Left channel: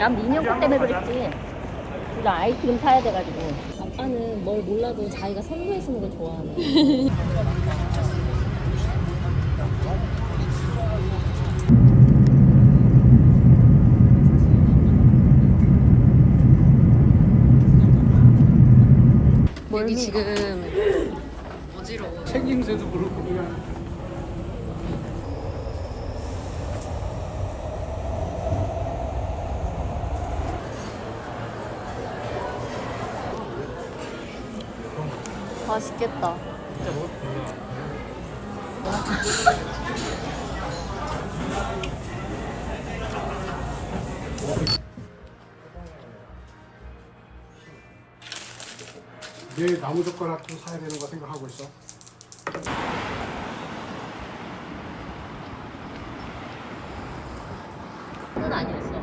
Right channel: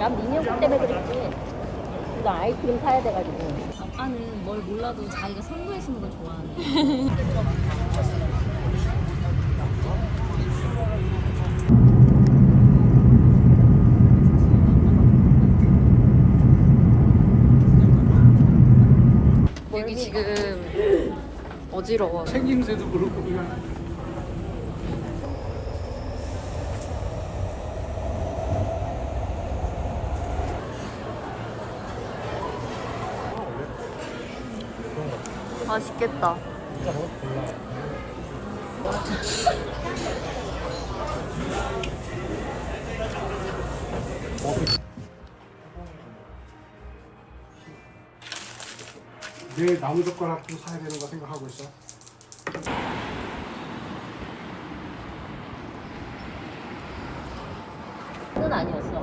난 민혁 때문에 그랬지. 나 아이스크림 사야 돼가지고. 아빠는 뭘 몰라도 자기가 선도해주는 걸 좋아하네. 여기 지금 어지러워. 책임새도 그렇고 맛있겠다. 내 나무 젓가락도 사야 되는 거 생각하고 있어. 아니었어.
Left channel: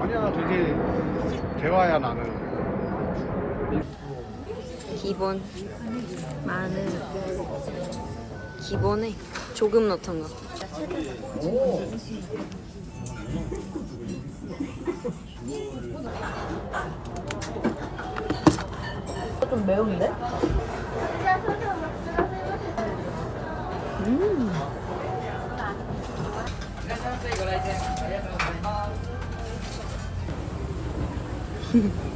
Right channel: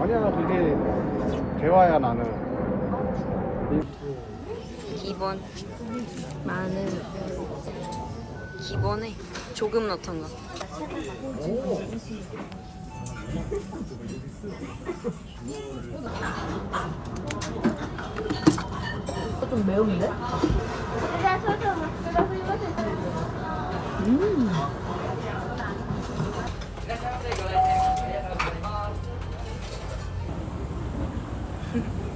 아니야 되게 배워야 나는. 기본 마늘 기본에 조금 넣던 거. 좀 매운데? 어,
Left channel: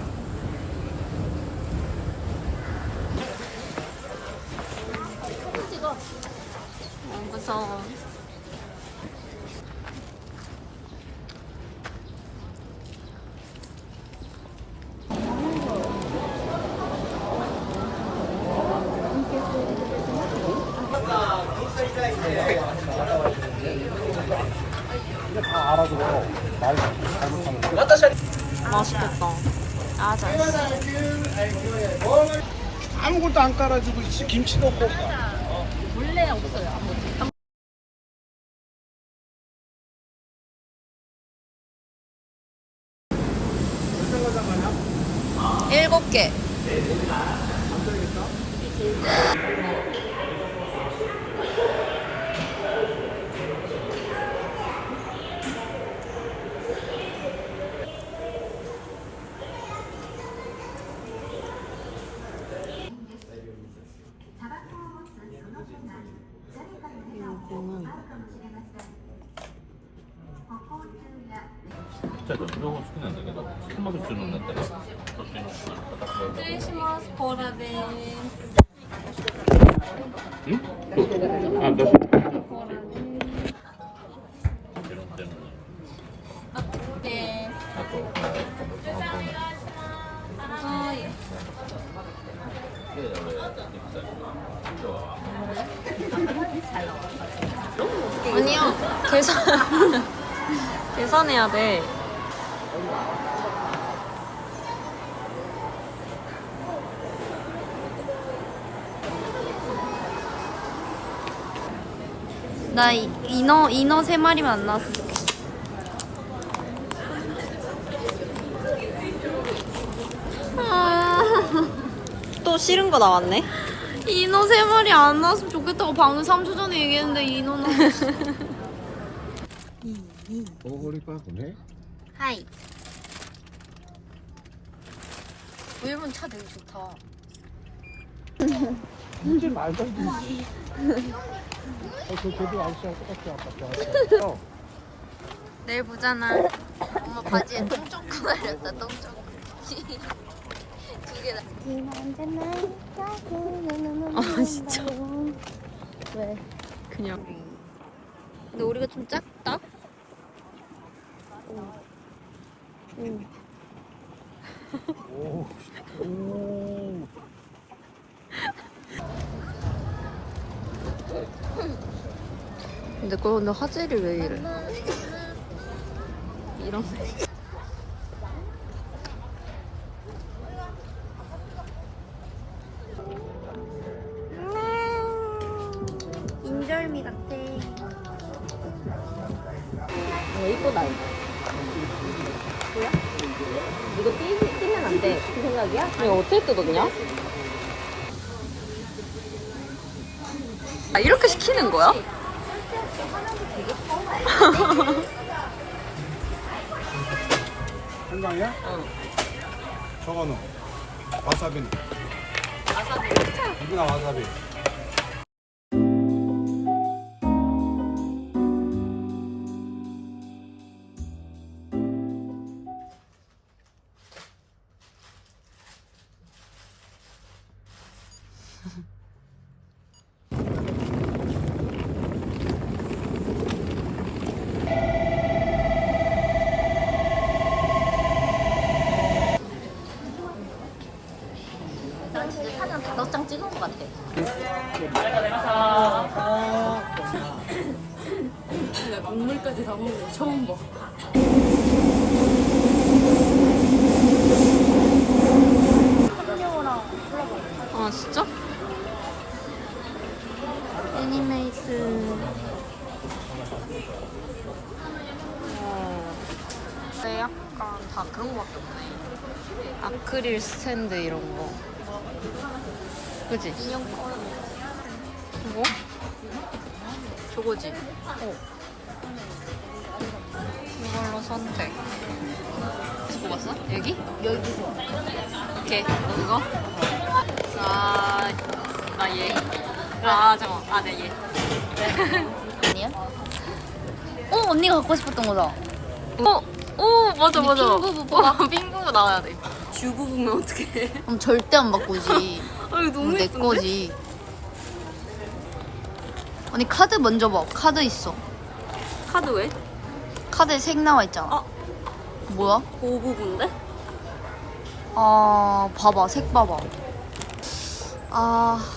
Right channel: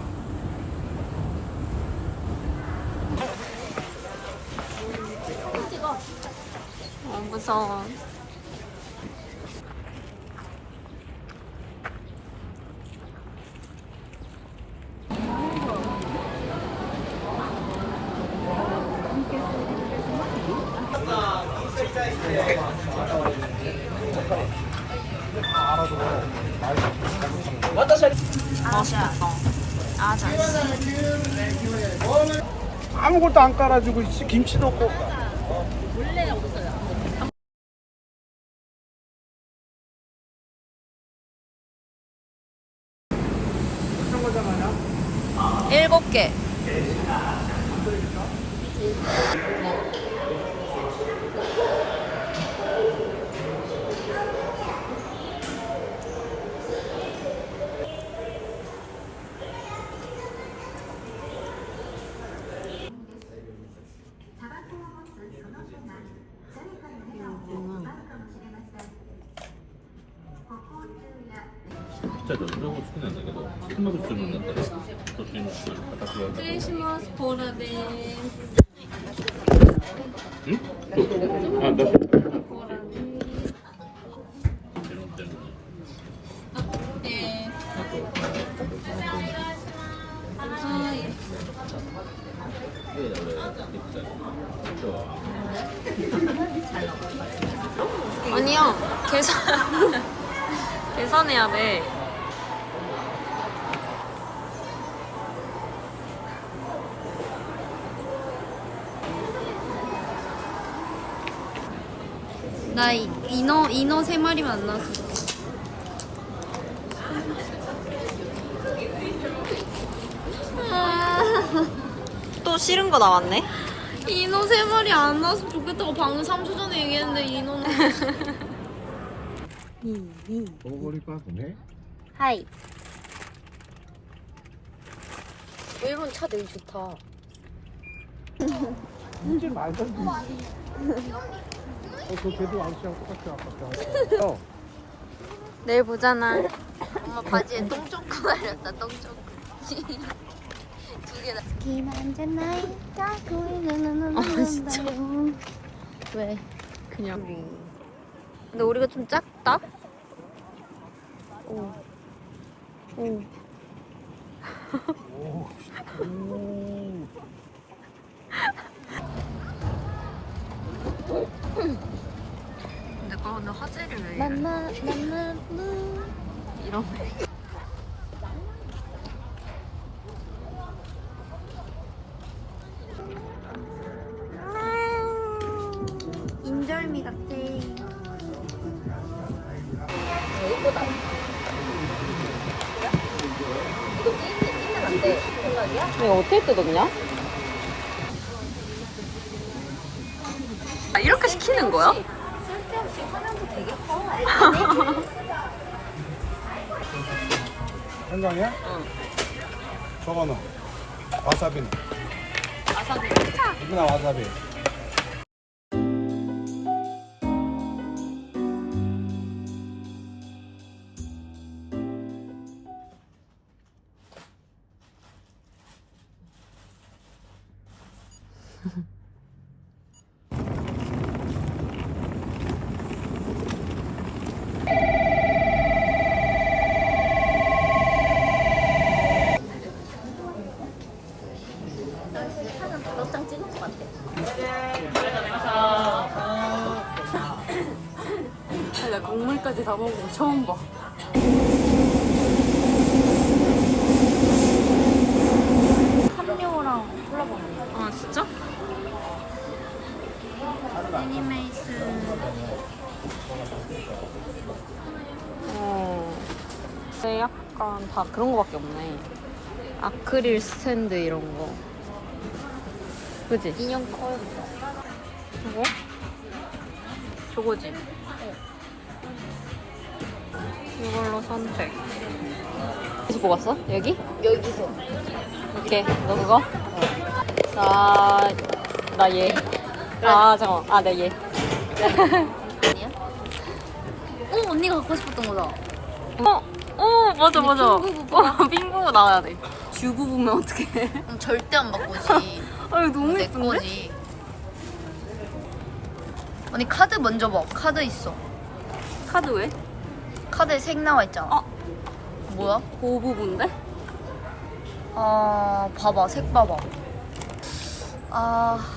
맛있겠다. 아자. 아무것도 안 깔아주고 씨, 김치도 없고. 원래 없어요. 일곱 개. 토마토 주는 건데. 아니야. 계산. 계산해야 돼. 나 이- 인어 인어 세 마리만 안 나왔어. 아. 또 싫은 거 나왔네. 인어 세 마리 안 나왔으면 좋겠다고 방금 3초 전에 얘기했는데 인어 나. 먹어보니까 보네. 하이. 일본 차 되게 좋다. 어, 그 걔도 아저씨하고 똑같아 아까. 어. 내일 보잖아. 엄마 바지에 똥 조금 날렸다. 똥 조금. 두 개다. 아 진짜. 왜? 그냥. 근데 우리가 좀 작다. 오. 오. 오. 근데 그거 근데 화질이 왜 이래? 이런. 인절미 같아. 예쁘다. 이거 삐, 삐면 안 돼. 생각이야? 이거 어떻게 뜯어 그냥? 아 이렇게 시키는 거야? 생강이야? 응. 저거는 와사비는 와사비. 이거는 와사비 나 국물까지 다 먹고 처음 봐. 아 진짜? 애니메이스 어 근데 약간 다 그런 거밖에 없네 아크릴 스탠드 이런 거 그지? 이거? 저거지? 이걸로 선택 어디서 뽑았어? 여기? 여기 오케이 너 그거? 나, 나 얘. 아, 잠깐만. 아, 나 얘. 아니야? 어 언니가 갖고 싶었던 거다. 어, 어, 맞아, 맞아. 핑구부 뽑아? 어, 핑구부 나와야 돼. 주부 보면 어떡해. 그럼 절대 안 바꾸지. 아유, 너무 내 예쁜데? 거지. 언니 카드 먼저 봐. 카드 있어. 카드 왜? 카드에 색 나와 있잖아. 어? 뭐야? 그 부분인데? 아 봐봐 색 봐봐. 아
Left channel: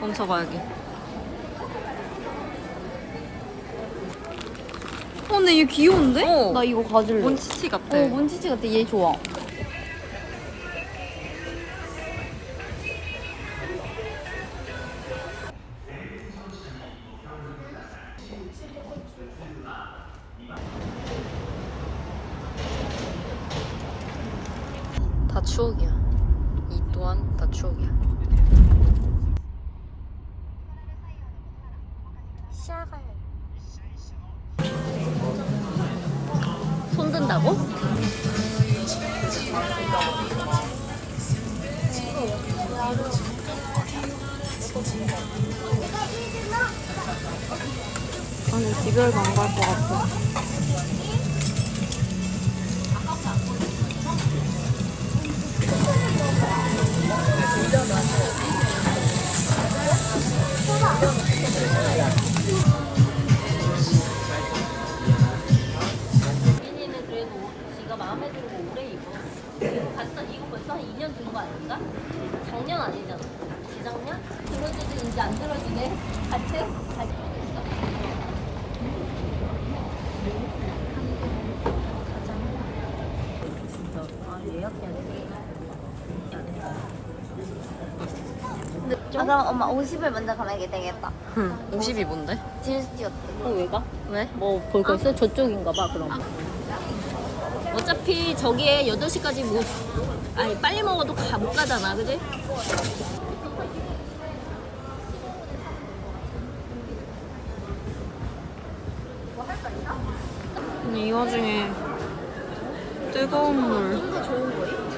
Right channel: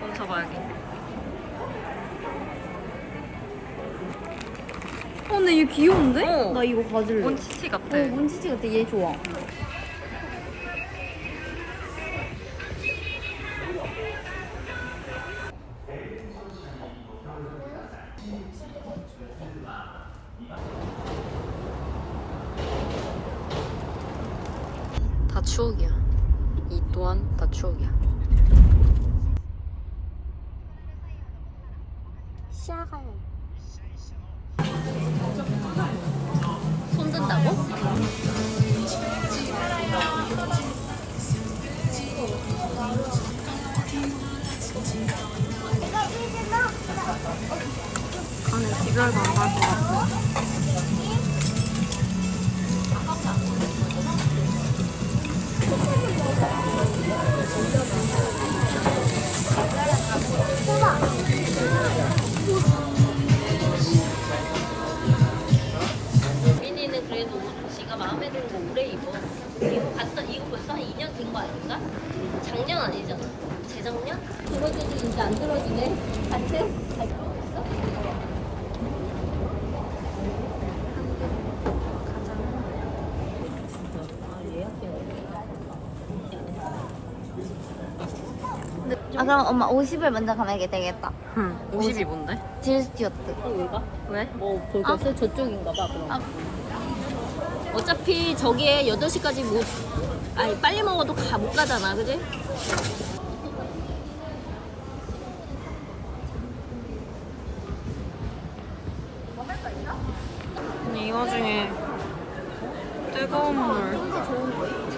멈춰봐야지. 어, 근데 얘 귀여운데? 어. 나 이거 가질래. 몬치치 같아. 어, 몬치치 같아. 얘 좋아. 추억이야. 이 또한 다 추억이야. 손 든다고? 나는 기별도 안갈것 같아. ¡Vamos! 엄마 50을 먼저 가면 되겠다. 응. 50이 뭔데? 딜스티어트. 어, 왜 가? 왜? 뭐 볼 거 있어? 저쪽인가 봐 그럼 어차피 저기에 8시까지 못 아니 빨리 먹어도 가, 못 가잖아 그지? 아니, 이 와중에 뜨거운 물. 좀 더 좋은 거야?